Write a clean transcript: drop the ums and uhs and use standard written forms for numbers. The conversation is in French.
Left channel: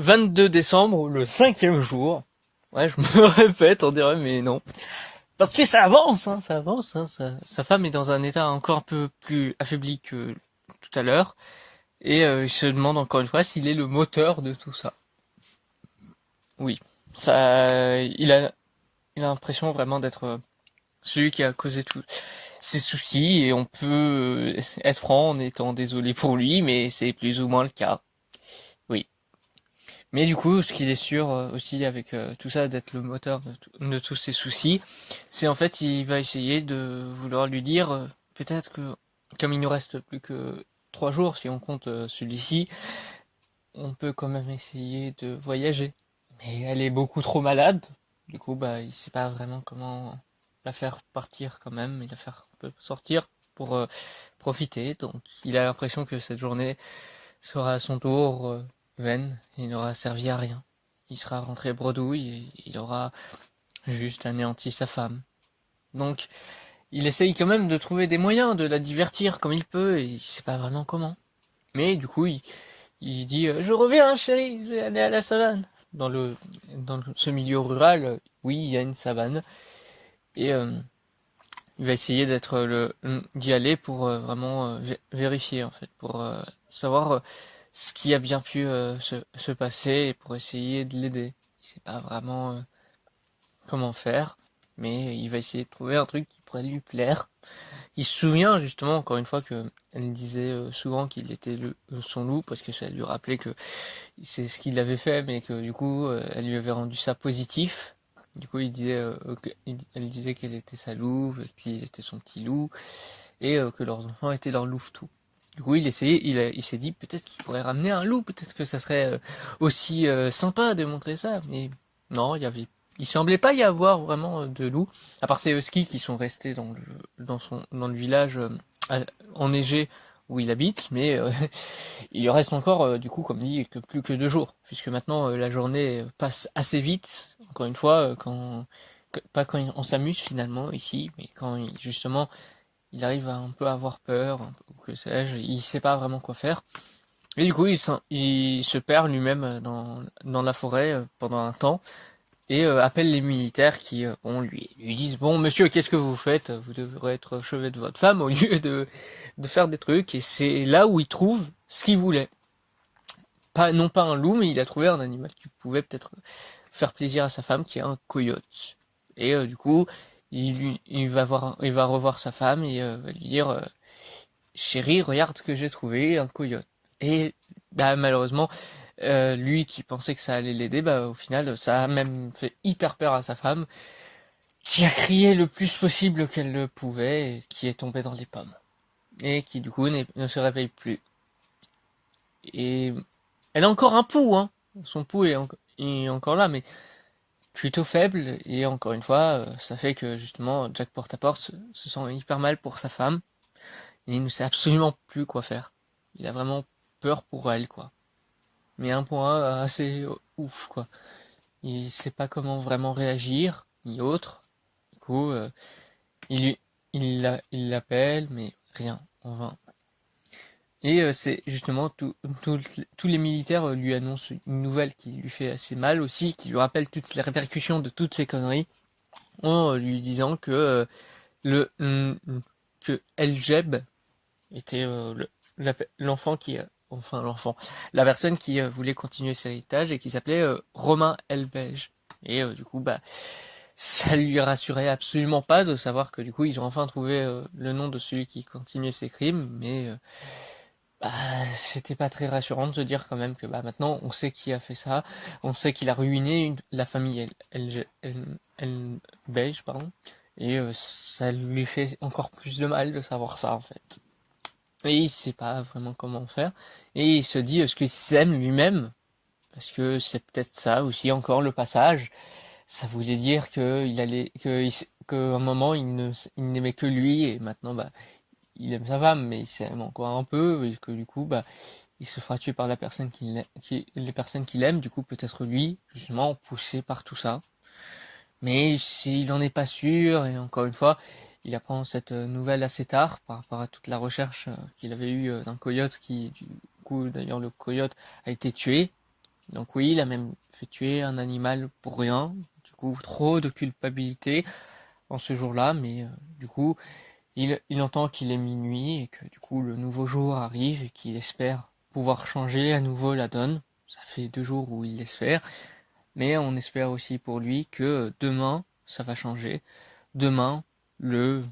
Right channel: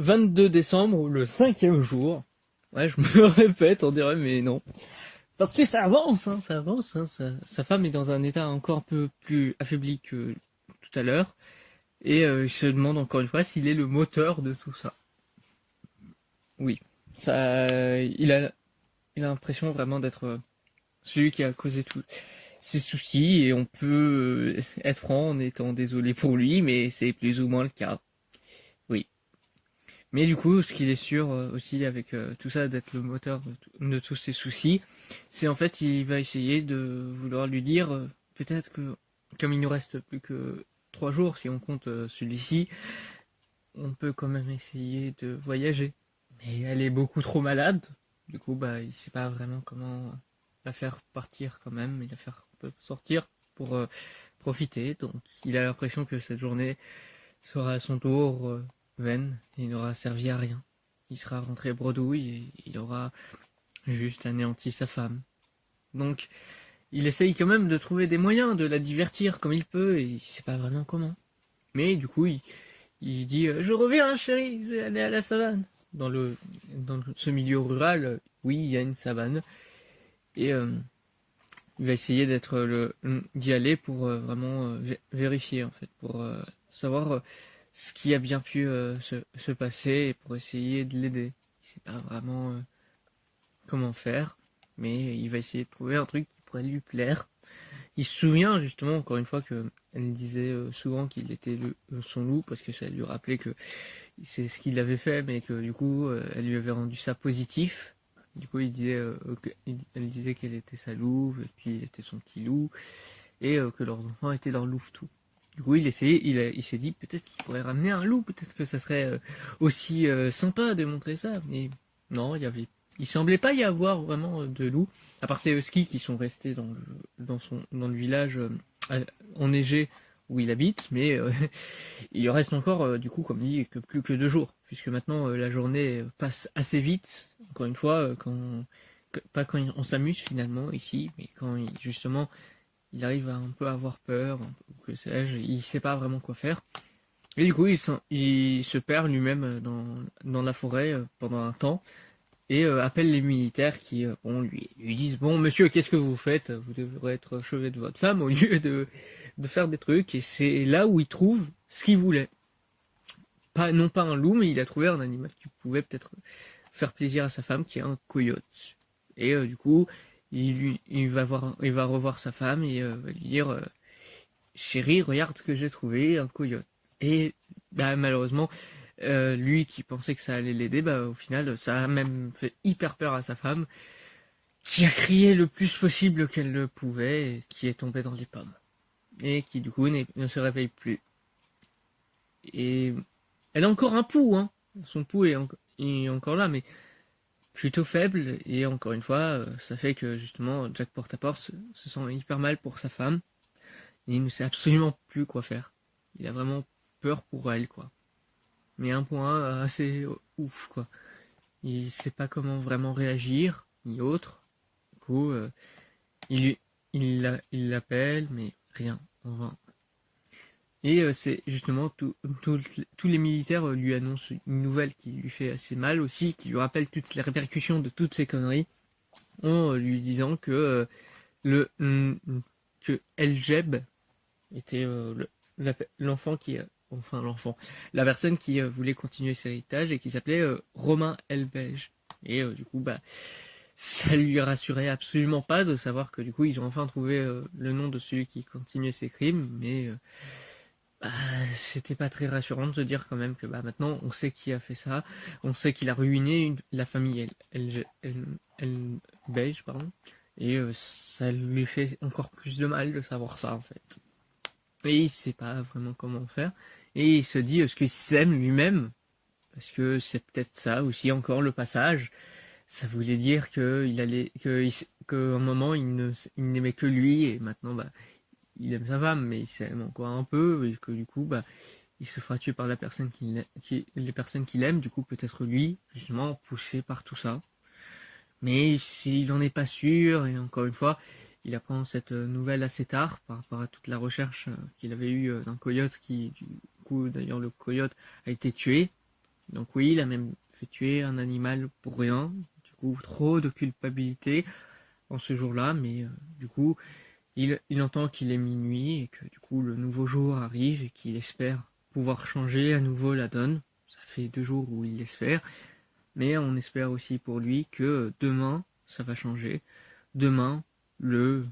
22 décembre, le 5e jour. Ouais, je me répète, on dirait, mais non. Parce que ça avance, hein, ça avance. Hein, sa femme est dans un état encore un peu plus affaibli que tout à l'heure. Et il se demande encore une fois s'il est le moteur de tout ça. Oui, ça, il a l'impression vraiment d'être celui qui a causé tous ses soucis. Et on peut être franc en étant désolé pour lui, mais c'est plus ou moins le cas. Oui. Mais du coup, ce qu'il est sûr aussi avec tout ça d'être le moteur de tous ses soucis, c'est en fait il va essayer de vouloir lui dire peut-être que comme il nous reste plus que 3 jours si on compte celui-ci, on peut quand même essayer de voyager. Mais elle est beaucoup trop malade, du coup bah il sait pas vraiment comment la faire partir quand même, et la faire un peu sortir pour profiter. Donc il a l'impression que cette journée sera à son tour vaine et n'aura servi à rien. Il sera rentré bredouille et il aura juste anéanti sa femme. Donc, il essaye quand même de trouver des moyens de la divertir comme il peut et il sait pas vraiment comment. Mais du coup, il dit je reviens, chérie, je vais aller à la savane. Dans ce milieu rural, oui, il y a une savane et il va essayer d'y aller pour vraiment vérifier en fait, pour savoir ce qui a bien pu se passer et pour essayer de l'aider. Il sait pas vraiment comment faire, mais il va essayer de trouver un truc qui pourrait lui plaire. Il se souvient justement encore une fois que elle disait souvent qu'il était son loup parce que ça lui rappelait que c'est ce qu'il avait fait, mais que du coup elle lui avait rendu ça positif. Du coup, elle disait qu'elle était sa louve, et puis il était son petit loup, et que leurs enfants étaient leur louve-tout. Du coup, il s'est dit peut-être qu'il pourrait ramener un loup, peut-être que ça serait aussi sympa de montrer ça, mais non, il semblait pas y avoir vraiment de loups, à part ces huskies qui sont restés dans le village enneigé où il habite, mais il lui reste encore, du coup, comme dit, que plus que 2 jours, puisque maintenant la journée passe assez vite, encore une fois, pas quand on s'amuse finalement ici, mais quand justement il arrive à un peu avoir peur, ou que sais-je, il sait pas vraiment quoi faire. Et du coup, il se perd lui-même dans la forêt pendant un temps, et appelle les militaires qui lui disent bon monsieur, qu'est-ce que vous faites, vous devrez être au chevet de votre femme au lieu de faire des trucs. Et c'est là où il trouve ce qu'il voulait, non pas un loup, mais il a trouvé un animal qui pouvait peut-être faire plaisir à sa femme, qui est un coyote. Et du coup il va revoir sa femme et va lui dire chérie, regarde ce que j'ai trouvé, un coyote. Et bah, malheureusement, lui qui pensait que ça allait l'aider, bah, au final, ça a même fait hyper peur à sa femme, qui a crié le plus possible qu'elle le pouvait, et qui est tombée dans les pommes. Et qui du coup ne se réveille plus. Et elle a encore un pouls, hein. Son pouls est encore là, mais plutôt faible. Et encore une fois, ça fait que justement, Jack Portaport se sent hyper mal pour sa femme. Et il ne sait absolument plus quoi faire. Il a vraiment peur pour elle, quoi. Mais à un point assez ouf, quoi. Il sait pas comment vraiment réagir, ni autre. Du coup, il l'appelle, mais rien, en vain. Et c'est justement tous les militaires lui annoncent une nouvelle qui lui fait assez mal aussi, qui lui rappelle toutes les répercussions de toutes ces conneries, en lui disant que le que El Jeb était l'enfant enfin l'enfant, la personne qui voulait continuer cet héritage et qui s'appelait Romain Elbège. Et du coup, bah, ça lui rassurait absolument pas de savoir que du coup, ils ont enfin trouvé le nom de celui qui continuait ses crimes, mais bah, c'était pas très rassurant de se dire quand même que bah, maintenant, on sait qui a fait ça, on sait qu'il a ruiné la famille Elbège, pardon, et ça lui fait encore plus de mal de savoir ça en fait. Et il sait pas vraiment comment faire. Et il se dit ce qu'il s'aime lui-même, parce que c'est peut-être ça aussi encore le passage. Ça voulait dire qu'à un moment il n'aimait que lui et maintenant bah il aime sa femme mais il s'aime encore un peu et que du coup bah il se fera tuer par les personnes qu'il aime, du coup peut-être lui justement poussé par tout ça. Mais s'il n'en est pas sûr, et encore une fois, il apprend cette nouvelle assez tard par rapport à toute la recherche qu'il avait eue d'un coyote qui, du coup, d'ailleurs, le coyote a été tué. Donc oui, il a même fait tuer un animal pour rien. Du coup, trop de culpabilité en ce jour-là, mais du coup, il entend qu'il est minuit et que du coup le nouveau jour arrive et qu'il espère pouvoir changer à nouveau la donne. Ça fait 2 jours où il l'espère, mais on espère aussi pour lui que demain ça va changer. Demain, le